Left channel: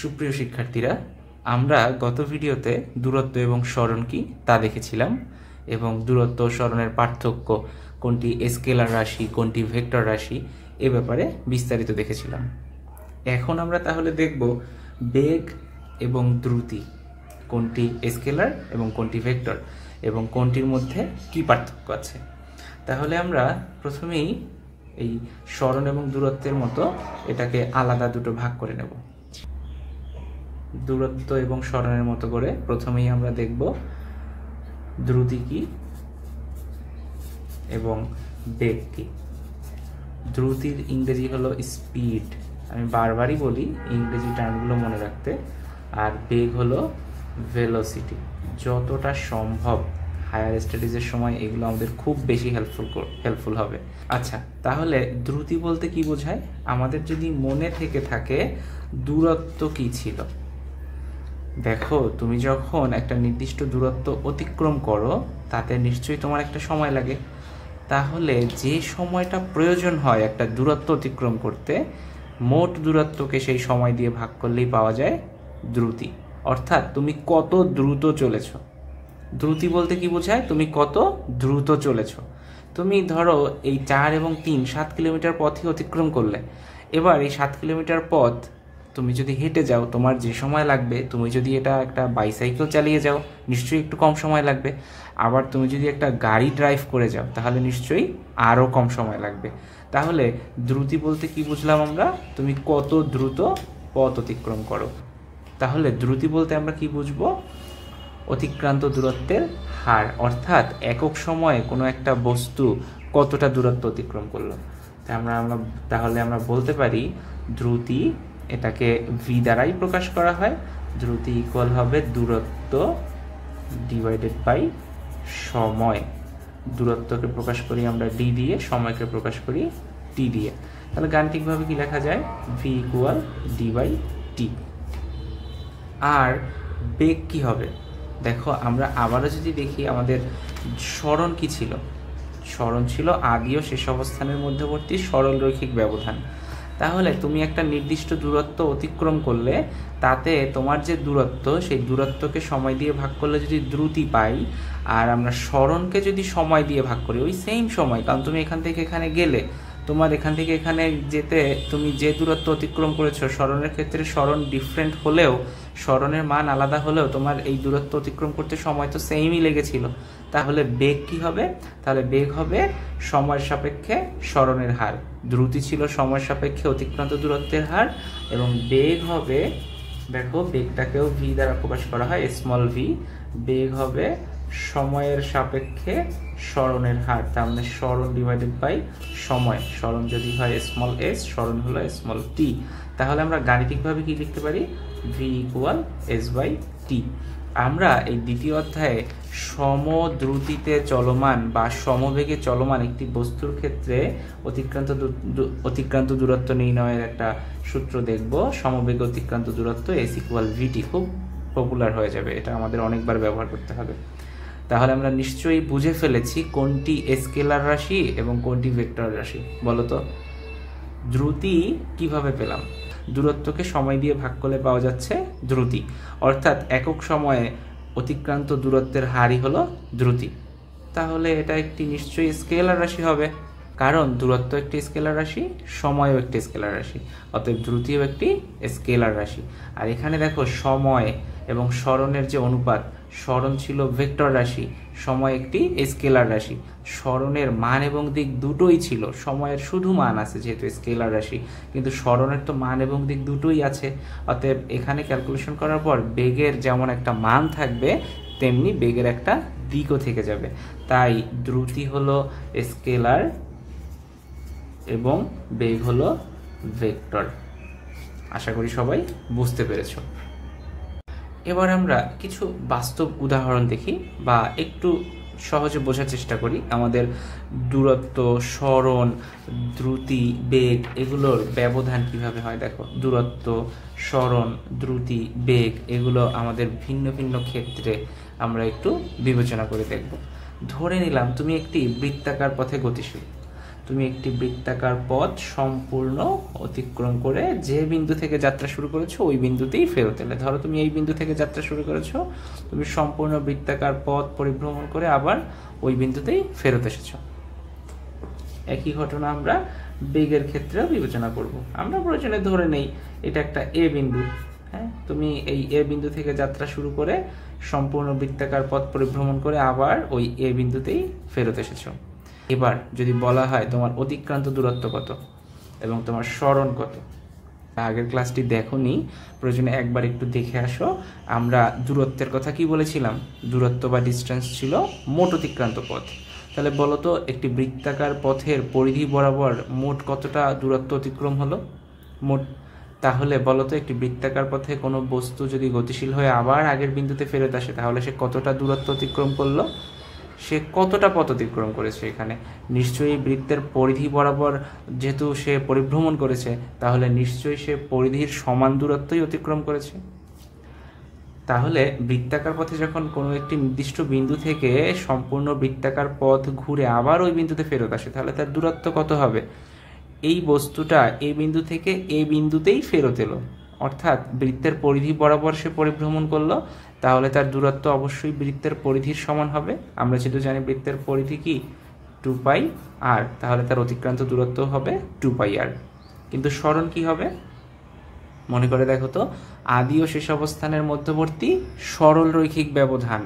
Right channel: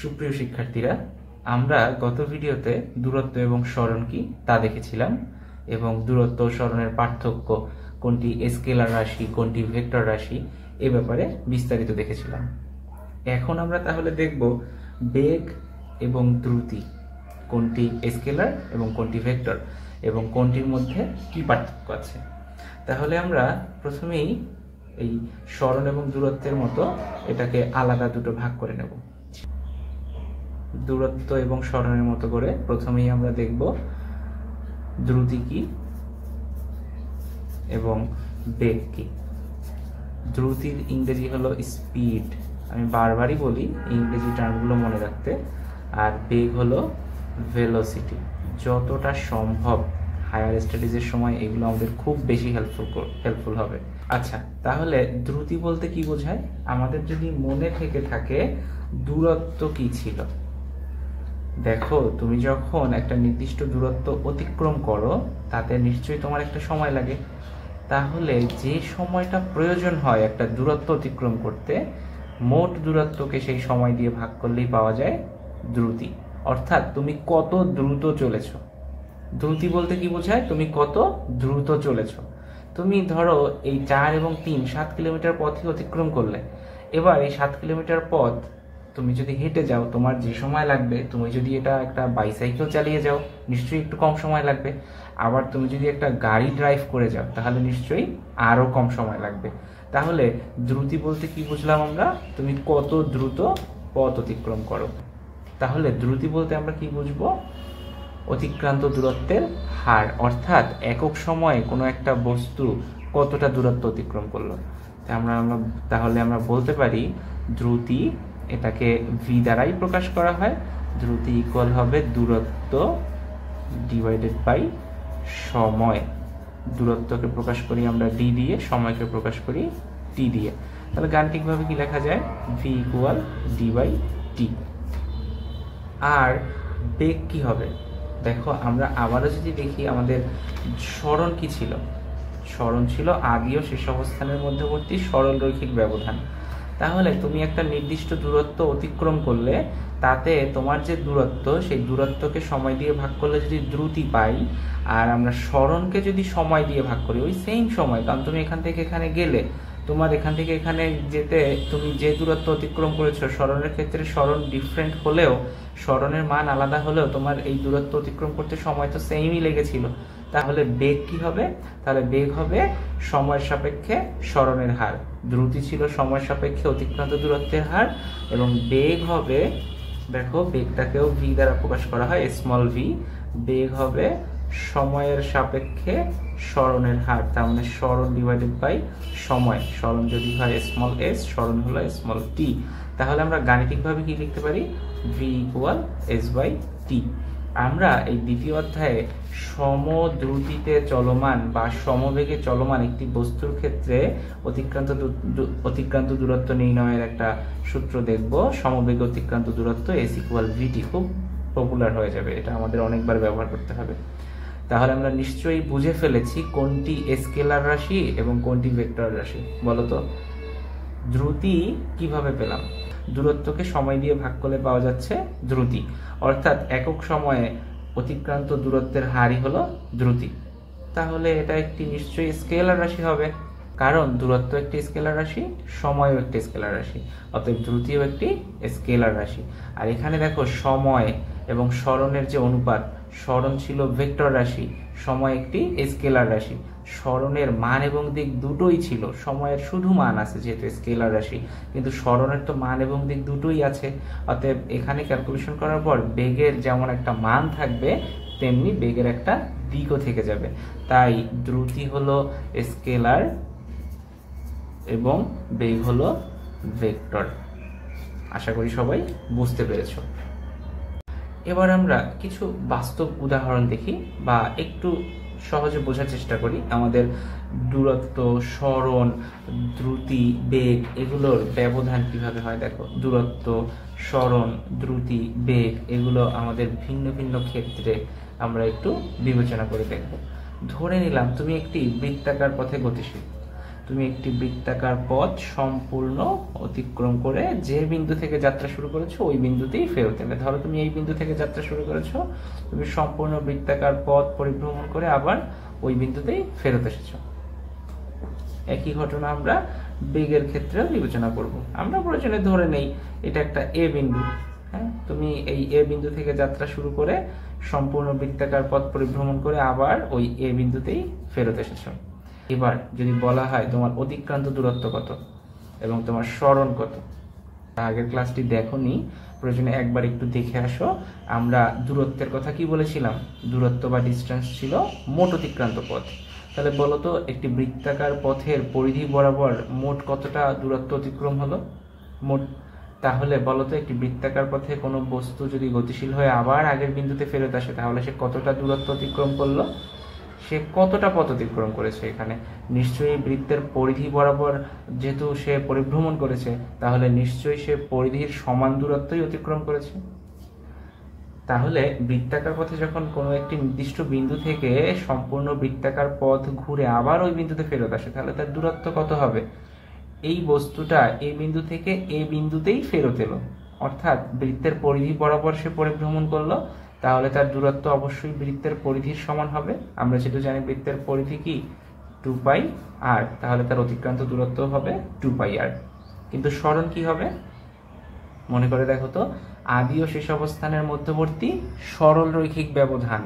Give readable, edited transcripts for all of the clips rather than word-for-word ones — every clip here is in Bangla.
সুপ্রিয় শিক্ষার্থীরা, আমরা গত ভিডিওতে দূরত্ব এবং সরণ কি তা দেখেছিলাম এবং দূরত্ব ও সরণের পার্থক্য, কোনটি স্কেলার রাশি কোনটি ভেক্টর রাশি এ ব্যাপারে বিস্তারিত দেখেছিলাম। এখন আমরা তাহলে দেখব বেগ এবং দ্রুতি কোনটি স্কেলার এবং কোনটি ভেক্টর এবং কোনটির মধ্যে কি পার্থক্য আছে। তাহলে আমরা প্রথমেই এই সরণ এবং দূরত্বের মতো এটাকে আলাদা দুটো ভাগ করে নেব। দূরত্ব এবং সরণের মতো করে প্রথমেই আমরা দেখব দ্রুতি কি এবং বেগ কি। দ্রুতির ইংরেজি হলো স্পিড, আমি বারবারই বলি ইংরেজি টার্মগুলো মনে রাখতে। আর বেগ হলো ভেলোসিটি। যতটা সম্ভব হায়ার স্টাডিজের সময় এগুলো আমাদের খুব বেশি হেল্পফুল হবে। আচ্ছা, তাহলে দ্রুতি বলতে কি বোঝায়? আমাদের যদি মনে থেকে থাকে দূরত্ব কি ছিল। দেখো, তুমি যখন একটা নির্দিষ্ট দূরত্ব অতিক্রম করো তাতে নিশ্চয়ই তোমার একটা সময় লাগে। তাহলে যে সময়টা প্রয়োজন হয় একটা দূরত্ব অতিক্রম করতে, মোট দূরত্বকে সেই সময় দিয়ে ভাগ করলেই পাওয়া যায় দ্রুতি। অর্থাৎ তুমি কত দ্রুত চলেছ। দ্রুতি বলতে কি বোঝায়? তুমি কত দ্রুত চলেছ। তুমি ধরো এই 4 এবং 3 7 কিলোমিটার পথই অতিক্রম করলে। এবার এই 7 কিলোমিটার পথ তুমি যদি হেঁটে যাও তোমার যে সময় লাগবে, তুমি যদি এটা একটা বাইসাইকেল চালিয়ে যাও নিশ্চয়ই একটু কম সময় লাগবে। আবার তুমি যদি একটা গাড়ি ড্রাইভ করে যাও তাহলে নিশ্চয়ই আরও কম সময় লাগবে। তাহলে দ্রুতি বলতে কি বুঝলাম আমরা? তুমি কত দ্রুত পথ অতিক্রম করো। তাহলে দ্রুতি বলতে আমরা কি বুঝবো? অতিক্রান্ত দূরত্বের হার, অর্থাৎ একক সময়ে কোনো একটা বস্তু কতটা দূরত্ব অতিক্রম করলো। তাহলে আমরা বলতে পারি দ্রুতি, এটাকে ভি দ্বারাই প্রকাশ করা হয়। দ্রুতি ইকুয়াল হবে দূরত্ব ডিভাইডেড বাই সময়। দূরত্বকে প্রকাশ করি আমরা ডি দিয়ে, সময়কে প্রকাশ করি টি দিয়ে। তাহলে গাণিতিকভাবে কি লেখা যায়? V equal D by T. আর বেগ কি হবে? দেখো, আমরা আবারও যদি দেখি আমাদের সরণ কি ছিল। সরণ ছিল আদি ও শেষ অবস্থানের মধ্যবর্তী সরল রৈখিক ব্যবধান। তাহলে তুমি একটা নির্দিষ্ট দূরত্ব অতিক্রম করলে তাতে তোমার যে দূরত্ব, সেই দূরত্বকে সময় দিয়ে ভাগ করলে যদি দ্রুতি পাই, আর আমরা সরণকে যদি সময় দিয়ে ভাগ করি ওই সেম সময়, কারণ তুমি এখান থেকে এখানে গেলে, তোমার এখান থেকে এখানে যেতে তুমি যে দূরত্ব অতিক্রম করেছো, সরণের ক্ষেত্রে সরণ ডিফারেন্ট হলেও, সরণের মান আলাদা হলেও তোমার এই দূরত্ব অতিক্রম করতে সময় তো সেমই লেগেছিল। তাহলে বেগ কি হবে? তাহলে বেগ হবে সময়ের সাপেক্ষে সরণের হার। দ্রুতি ছিল সময়ের সাপেক্ষে অতিক্রান্ত দূরত্বের হার, এবং বেগ হবে, দেখো বেগটাকেও ভি দ্বারা প্রকাশ করা হয়, স্মল ভি। বেগ হবে সময়ের সাপেক্ষে সরণের হার, তার মানে সরণ ডিভাইডেড বাই সময়। সরণ যদি হয় স্মল এস, সরণ হলো স্মল টি। তাহলে আমরা গাণিতিকভাবে কি লিখতে পারি? V equal S by T. আমরা এই দ্বিতীয় অধ্যায়ে সমদ্রুতিতে চলমান বা সমবেগে চলমান একটি বস্তুর ক্ষেত্রে অতিক্রান্ত দূরত্ব নির্ণয়ের একটা সূত্র দেখব। সমবেগে অতিক্রান্ত দূরত্ব এস ইকুয়াল ভিটি। খুব পপুলার হয়ে যাবে, এটা আমাদের অনেকবার ব্যবহার করতে হবে। তাহলে আমরা নিশ্চয়ই বুঝে ফেলেছি কোনটি স্কেলার রাশি এবং কোনটি ভেক্টর রাশি। বলতো, দ্রুতি কিভাবে পেলাম? দূরত্বকে সময় দিয়ে ভাগ করলে পাওয়া যাচ্ছে দ্রুতি, অর্থাৎ একক সময়ে অতিক্রান্ত দূরত্বের হারই হলো দ্রুতি। তাহলে এটা একটি নিশ্চয়ই স্কেলার রাশি হবে, কারণ দূরত্ব একটি স্কেলার রাশি, সময়ও একটি স্কেলার রাশি, অতএব দ্রুতিও একটি স্কেলার রাশি। আর এখানে দেখো সময় এবং সরণের যে অনুপাত, সরণ ছিল ভেক্টর রাশি, সময় একটি স্কেলার রাশি। সরণের মান এবং দিক দুটোই ছিল, সময়ের শুধু মান আছে যেহেতু স্কেলার রাশি, কিন্তু সরণের তো মান এবং দিক দুটোই আছে। অতএব এখানে ক্যালকুলেশন করার পর বেগের যেমন একটা মান থাকবে তেমনি বেগের একটা দিকও থেকে যাবে। তাই দ্রুতি হলো স্কেলার এবং বেগ হলো ভেক্টর। আশা করি সবাই বুঝতে পেরেছো। এবার আমরা কিছু বাস্তব উদাহরণ দেখি বা একটু সহজে বোঝার চেষ্টা করি আমাদের দূরত্ব, সরণ, দ্রুতি, বেগ এগুলোর ব্যবধান কিভাবে হয়। দেখো, দূরত্ব, সরণ, দ্রুতি, বেগ এগুলো আমাদের ভিন্ন ভিন্ন ক্ষেত্রে আমরা একটু বিবেচনা করে দেখব। ধরে নিলাম তুমি একটি বৃত্তাকার পথে গতিশীল। তুমি একটি বৃত্তাকার পথ সম্পূর্ণ অতিক্রম করে যে বিন্দু থেকে যাত্রা শুরু করেছো ওই বিন্দুতেই ফেরত এলে। ধরো তুমি এই বিন্দু থেকে যাত্রা শুরু করেছো, তুমি সম্পূর্ণ বৃত্তাকার পথ পরিভ্রমণ করে আবার ওই বিন্দুতেই ফেরত এসেছো। একই ঘটনা আমরা বেগের ক্ষেত্রে বিবেচনা করব। আমরা প্রয়োজনে ধরে নেই এটা একটা এ বিন্দু। হ্যাঁ, তুমি এই এ বিন্দু থেকে যাত্রা শুরু করে সম্পূর্ণ বৃত্তাকার পথ পরিভ্রমণ করে আবার ওই এ বিন্দুতেই ফেরত এসেছো। এবার যদি বলা হয় তোমার অতিক্রান্ত দূরত্ব কত এবং তোমার সরণ কত, আগের ক্লাসটি দেখোনি, প্রয়োজনে একবার একটু দেখে আসো। আমরা দূরত্বের কথা কি বলেছিলাম? দূরত্ব বা ডিস্টেন্স ছিল মোট অতিক্রান্ত পথ। তাহলে বলো তো একটি বৃত্তাকার পথের পরিধি বরাবর মোট কতটা দূরত্ব অতিক্রম হলো মোট? তাহলে বলো তো একটি বৃত্তাকার পথে কোনো বস্তু যদি গতিশীল হয়ে আবার আগের বিন্দুতে ফেরত আসে তাহলে সে কতটা দূরত্ব অতিক্রম করলো? সে কতটা পথ অতিক্রম করেছে? এখানে নিশ্চয়ই বৃত্তের পরিধি বরাবর যেহেতু সে পরিভ্রমণ করেছে, তাহলে নিশ্চয়ই সে পরিধির সমান দূরত্বই অতিক্রম করেছে। তাহলে বৃত্তাকার পথে যখন কোনো একটি নির্দিষ্ট বিন্দু থেকে সম্পূর্ণ বৃত্তাকার পথ ঘুরে আবার ওই বিন্দুতে ফেরত আসে, তাহলে তার দূরত্ব কত হবে? এই বস্তুটা এই বিন্দু থেকে এই বিন্দুতেই ফেরত এলো, অর্থাৎ বৃত্তের পরিধি বরাবর সে পরিভ্রমণ করলো, তাহলে তার দূরত্ব অবশ্যই বৃত্তের পরিধির সমান হবে। আমরা যেটা জানি বৃত্তের পরিধি কি 2πr, তাহলে তার অতিক্রান্ত দূরত্ব হবে 2πr। কিন্তু সরণ কি হবে? মনে করে দেখো তো, আদি ও শেষ অবস্থানের মধ্যবর্তী সরল রৈখিক ব্যবধান।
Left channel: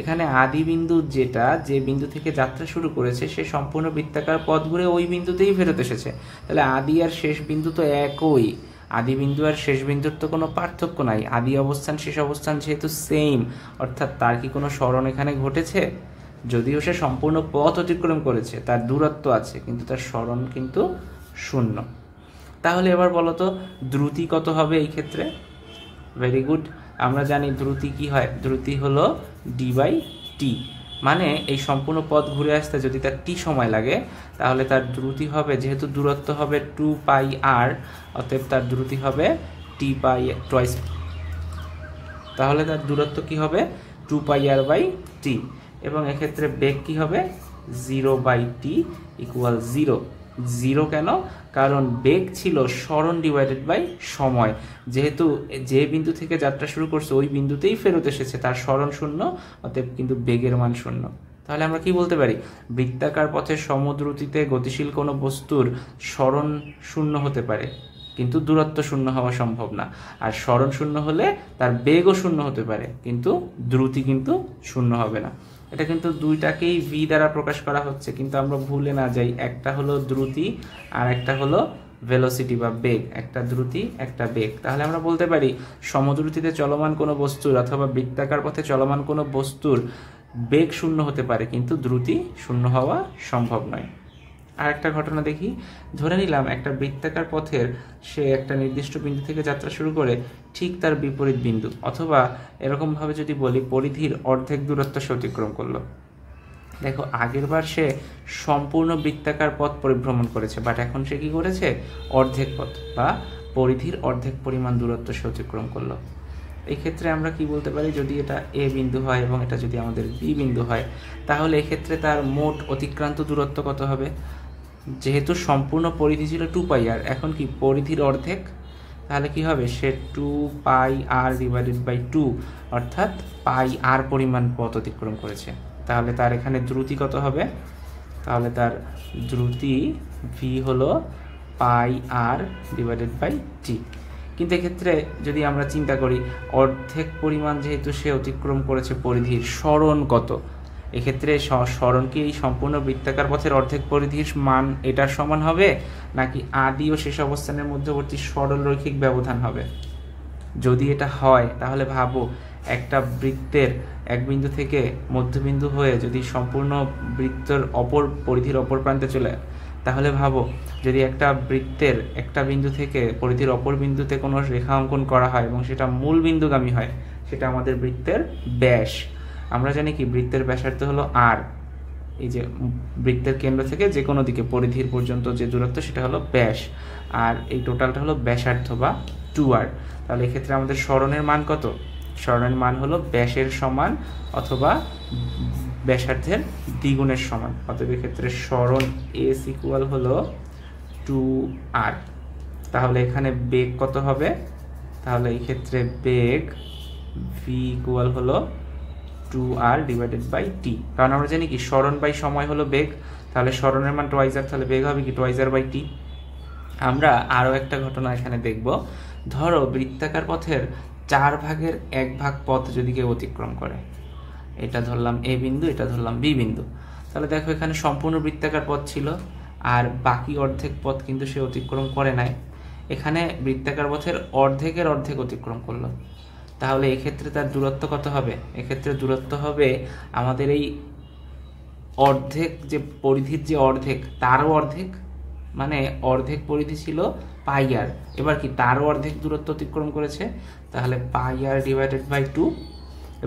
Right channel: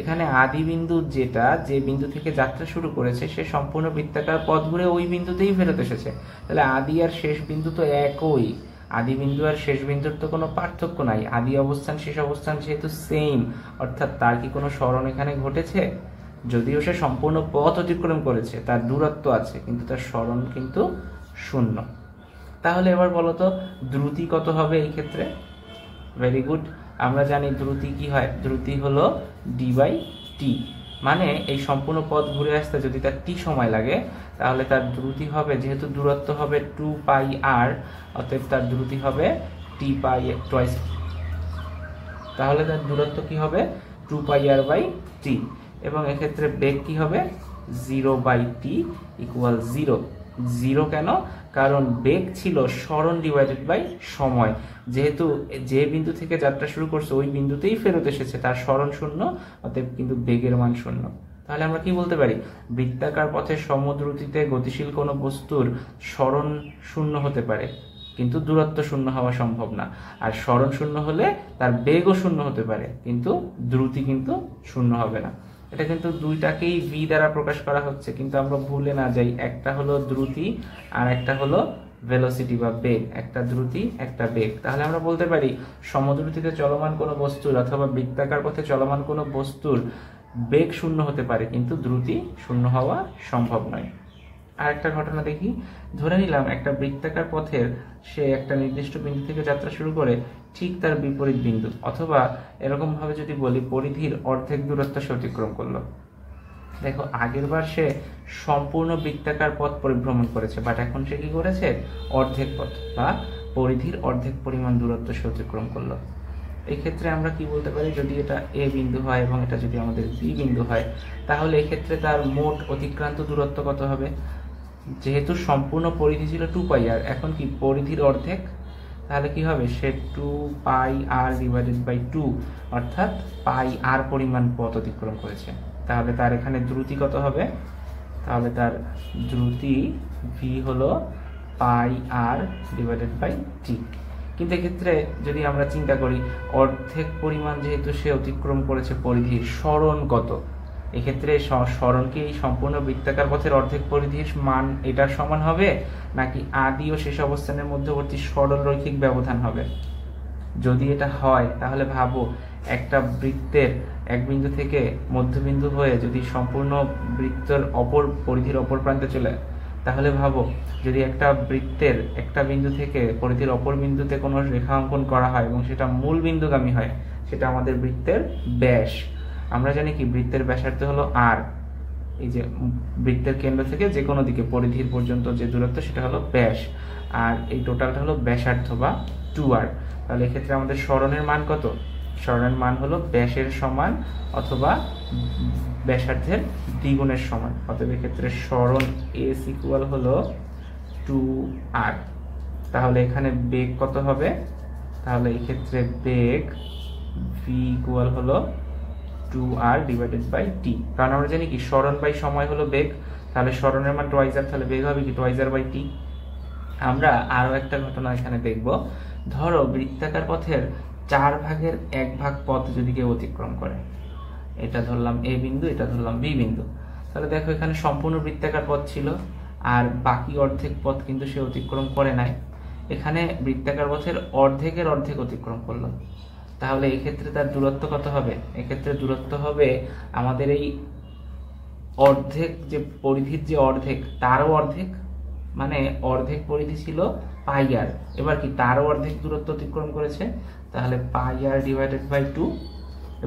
এখানে আদি বিন্দু যেটা যে বিন্দু থেকে যাত্রা শুরু করেছে সে সম্পূর্ণ বৃত্তাকার পথ ঘুরে ওই বিন্দুতেই ফেরত এসেছে। তাহলে আদি আর শেষ বিন্দু তো একই, আদি বিন্দু আর শেষ বিন্দুর তো কোনো পার্থক্য নাই। আদি অবস্থান শেষ অবস্থান যেহেতু সেম, অর্থাৎ তার কি কোনো সরণ এখানে ঘটেছে? যদিও সে সম্পূর্ণ পথ অতিক্রম করেছে, তার দূরত্ব আছে, কিন্তু তার সরণ কিন্তু শূন্য। তাহলে এবার বলো তো দ্রুতি কত হবে এই ক্ষেত্রে? ভেরি গুড, আমরা জানি দ্রুতি কি হয়? দ্রুতি হলো d/t, মানে এই সম্পূর্ণ পথ ঘুরে আসতে যদি তার t সময় লাগে তাহলে তার দ্রুতি হবে, যেহেতু দূরত্ব হবে 2πr, অতএব তার দ্রুতি হবে t/, তাহলে তার দূরত্ব কি হবে 2πr/t। এবং এক্ষেত্রে বেগ কি হবে? 0/t = 0। 0 কেন? কারণ বেগ ছিল সরণ / সময়, যেহেতু যে বিন্দু থেকে যাত্রা শুরু করছে ওই বিন্দুতেই ফেরত এসেছে, তার সরণ শূন্য, অতএব কিন্তু বেগের মান শূন্য। তাহলে আমরা কি বলতে পারি? বৃত্তাকার পথে সমদ্রুতিতে গতিশীল কোনো বস্তুর সরণ শূন্য হতে পারে, কিন্তু দূরত্ব শূন্য হওয়া সম্ভব না। আর সরণ শূন্য হলে তার বেগও শূন্য হতে পারে, কিন্তু দ্রুতি কিন্তু শূন্য হবে না। এটা কিন্তু দুইটাকেই ভি দ্বারা প্রকাশ করা হচ্ছে, কিন্তু আমরা ভুলে না যাই একটা হলো দ্রুতি আর একটা হলো ভেলোসিটি বা বেগ। একটা দ্রুতি একটা বেগ। তাহলে আমরা বলতে পারি সমদ্রুতিতে চলমান কোনো বস্তুর অথবা বৃত্তাকার পথে চলমান কোনো বস্তুর বেগ শূন্য হতে পারে, কিন্তু দ্রুতি শূন্য হওয়া সম্ভব নয়। আর একটা ঘটনা দেখি, ধরে নিলাম একটা বৃত্তাকার পথের সে একটা নির্দিষ্ট বিন্দু থেকে যাত্রা শুরু করে ঠিক তার বিপরীত বিন্দু, অথবা এরকম ভাবে যদি বলি পরিধির অর্ধেক দূরত্ব সে অতিক্রম করলো। দেখো আগের বার সে সম্পূর্ণ বৃত্তাকার পথ পরিভ্রমণ করেছে, বাট এখন সে কি করেছে? অর্ধেক পথ বা পরিধির অর্ধেক পরিমাণ দূরত্ব সে অতিক্রম করলো। এই ক্ষেত্রে আমরা কি বলতে পারি? যদি এটা এ বিন্দু হয় এবং এটা যদি আমাদের বি বিন্দু হয়, তাহলে এক্ষেত্রে তার মোট অতিক্রান্ত দূরত্ব কত হবে? যেহেতু সম্পূর্ণ পরিধি ছিল 2πr, এখন কি পরিধির অর্ধেক, তাহলে কি হবে? সে 2πr/2, অর্থাৎ πr পরিমাণ পথ অতিক্রম করেছে। তাহলে তার এখানে দ্রুতি কত হবে? তাহলে তার দ্রুতি ভি হলো πr/t। কিন্তু এক্ষেত্রে যদি আমরা চিন্তা করি অর্ধেক পরিমাণ যেহেতু সে অতিক্রম করেছে পরিধির, সরণ কত? এক্ষেত্রে সরণ কি এই সম্পূর্ণ বৃত্তাকার পথের অর্ধেক পরিধির মান এটার সমান হবে, নাকি আদি ও শেষ অবস্থানের মধ্যবর্তী সরল রৈখিক ব্যবধান হবে? যদি এটা হয় তাহলে ভাবো একটা বৃত্তের এক বিন্দু থেকে মধ্যবিন্দু হয়ে যদি সম্পূর্ণ বৃত্তের পরিধির অপর প্রান্তে চলে, তাহলে ভাবো যদি একটা বৃত্তের একটা বিন্দু থেকে পরিধির অপর বিন্দুতে কোনো রেখা অঙ্কন করা হয় এবং সেটা মূল বিন্দুগামী হয়, সেটা আমাদের বৃত্তের ব্যাস। আমরা জানি কি বৃত্তের ব্যাসার্ধ হলো r, এই যে বৃত্তের কেন্দ্র থেকে যে কোনো দিকে পরিধির পর্যন্ত যে দূরত্ব সেটা হলো ব্যাস, আর এই টোটালটা হলো ব্যাসার্ধ বা 2r। তাহলে এক্ষেত্রে আমাদের সরণের মান কত? সরণের মান হলো ব্যাসের সমান অথবা ব্যাসার্ধের দ্বিগুণের সমান। অতএব এক্ষেত্রে সরণ এস ইকুয়াল হলো 2r। তাহলে এখানে বেগ কত হবে? তাহলে এই ক্ষেত্রে বেগ v ইকুয়াল হলো 2r ডিভাইডেড বাই t। কারণ আমরা জানি কি সরণ বাই সময় হলো বেগ, তাহলে সরণের মান টুয়াইস আর, তাহলে বেগ হবে কি টুয়াইস আর বাই t। আমরা আরো একটা ঘটনা এখানে দেখব। ধরো বৃত্তাকার পথের 4 ভাগের 1 ভাগ পথ যদি কেউ অতিক্রম করে, এটা ধরলাম a বিন্দু, এটা ধরলাম b বিন্দু, তাহলে দেখো এখানে সম্পূর্ণ বৃত্তাকার পথ ছিল আর বাকি অর্ধেক পথ কিন্তু সে অতিক্রম করে নাই। এখানে বৃত্তাকার পথের অর্ধেকের অর্ধেক অতিক্রম করলো, তাহলে এই ক্ষেত্রে তার দূরত্ব কত হবে? এক্ষেত্রে দূরত্ব হবে আমাদের এই অর্ধেক যে পরিধির যে অর্ধেক তারও অর্ধেক, মানে অর্ধেক পরিধি ছিল পাই আর, এবার কি তারও অর্ধেক দূরত্ব অতিক্রম করেছে, তাহলে পাই আর ডিভাইডেড বাই 2।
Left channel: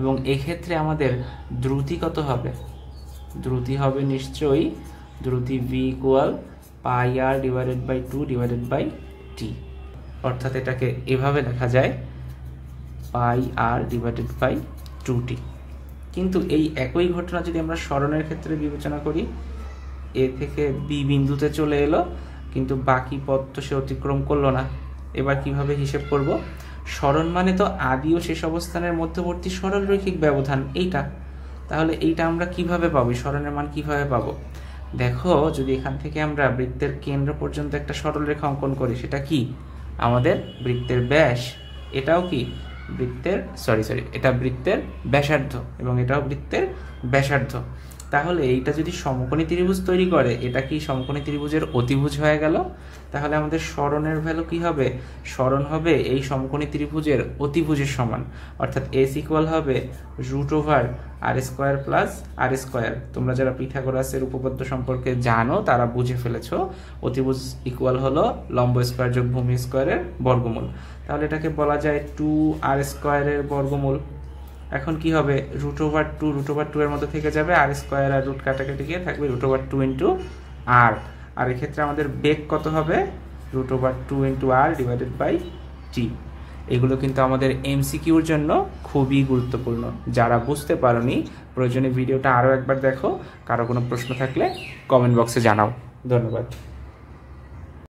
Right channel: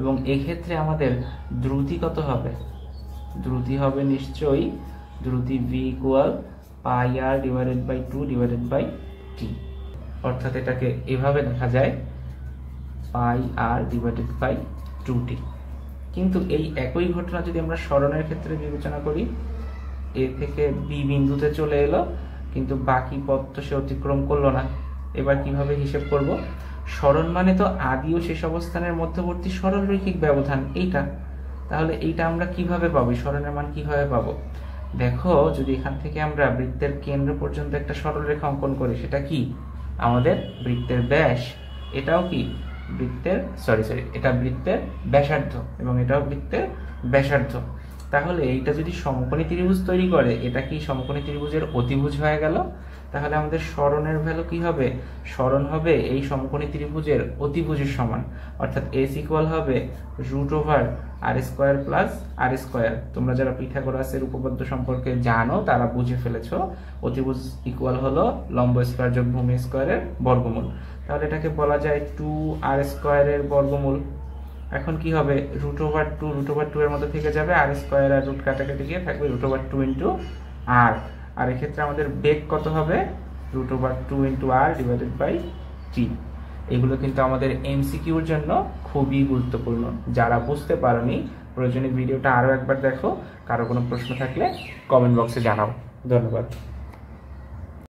এবং এক্ষেত্রে আমাদের দ্রুতি কত হবে? দ্রুতি হবে নিশ্চয়ই দ্রুতি v equal pi r divided by 2 divided by t। অর্থাৎ এটাকে এভাবে লেখা যায় পাই আর ডিভাইডেড বাই 2t। কিন্তু এই একই ঘটনা যদি আমরা সরণের ক্ষেত্রে বিবেচনা করি, এ থেকে বি বিন্দুতে চলে এলো কিন্তু বাকি পথ তো সে অতিক্রম করলো না। এবার কিভাবে হিসেব করব? সরণ মানে তো আদি ও শেষ অবস্থানের মধ্যবর্তী সরলরৈখিক ব্যবধান এইটা, তাহলে এইটা আমরা কিভাবে পাবো? সরণের মান কিভাবে পাবো? দেখো যদি এখান থেকে আমরা বৃত্তের কেন্দ্র পর্যন্ত একটা সরলরেখা অঙ্কন করি, সেটা কি আমাদের বৃত্তের ব্যাস, এটাও কি বৃত্তের এটা বৃত্তের ব্যাসার্ধ এবং এটাও বৃত্তের ব্যাসার্ধ। তাহলে এইটা যদি সমকোণী ত্রিভুজ তৈরি করে, এটা কি সমকোণী ত্রিভুজের অতিভুজ হয়ে গেল। তাহলে আমাদের সরণের ভ্যালু কি হবে? সরণ হবে এই সমকোণী ত্রিভুজের অতিভুজের সমান, অর্থাৎ এস ইকুয়াল হবে √r² প্লাস r²। তোমরা যারা পিথাগোরাসের উপপাদ্য সম্পর্কে জানো তারা বুঝে ফেলেছো, অতিভুজ ইকুয়াল হলো লম্ব স্কয়ার যোগ ভূমি স্কয়ারের বর্গমূল। তাহলে এটাকে বলা যায় 2r² এর বর্গমূল। এখন কি হবে? √2 এর মধ্যে থেকে যাবে, r² আর রুট কাটাকাটি গিয়ে থাকবে √2 ইন্টু r। আর এক্ষেত্রে আমাদের বেগ কত হবে? √2 into r divided by t। এগুলো কিন্তু আমাদের এমসিকিউর জন্য খুবই গুরুত্বপূর্ণ। যারা বুঝতে পারোনি প্রয়োজনে ভিডিওটা আরো একবার দেখো। কারো কোনো প্রশ্ন থাকলে কমেন্ট বক্সে জানাও। ধন্যবাদ।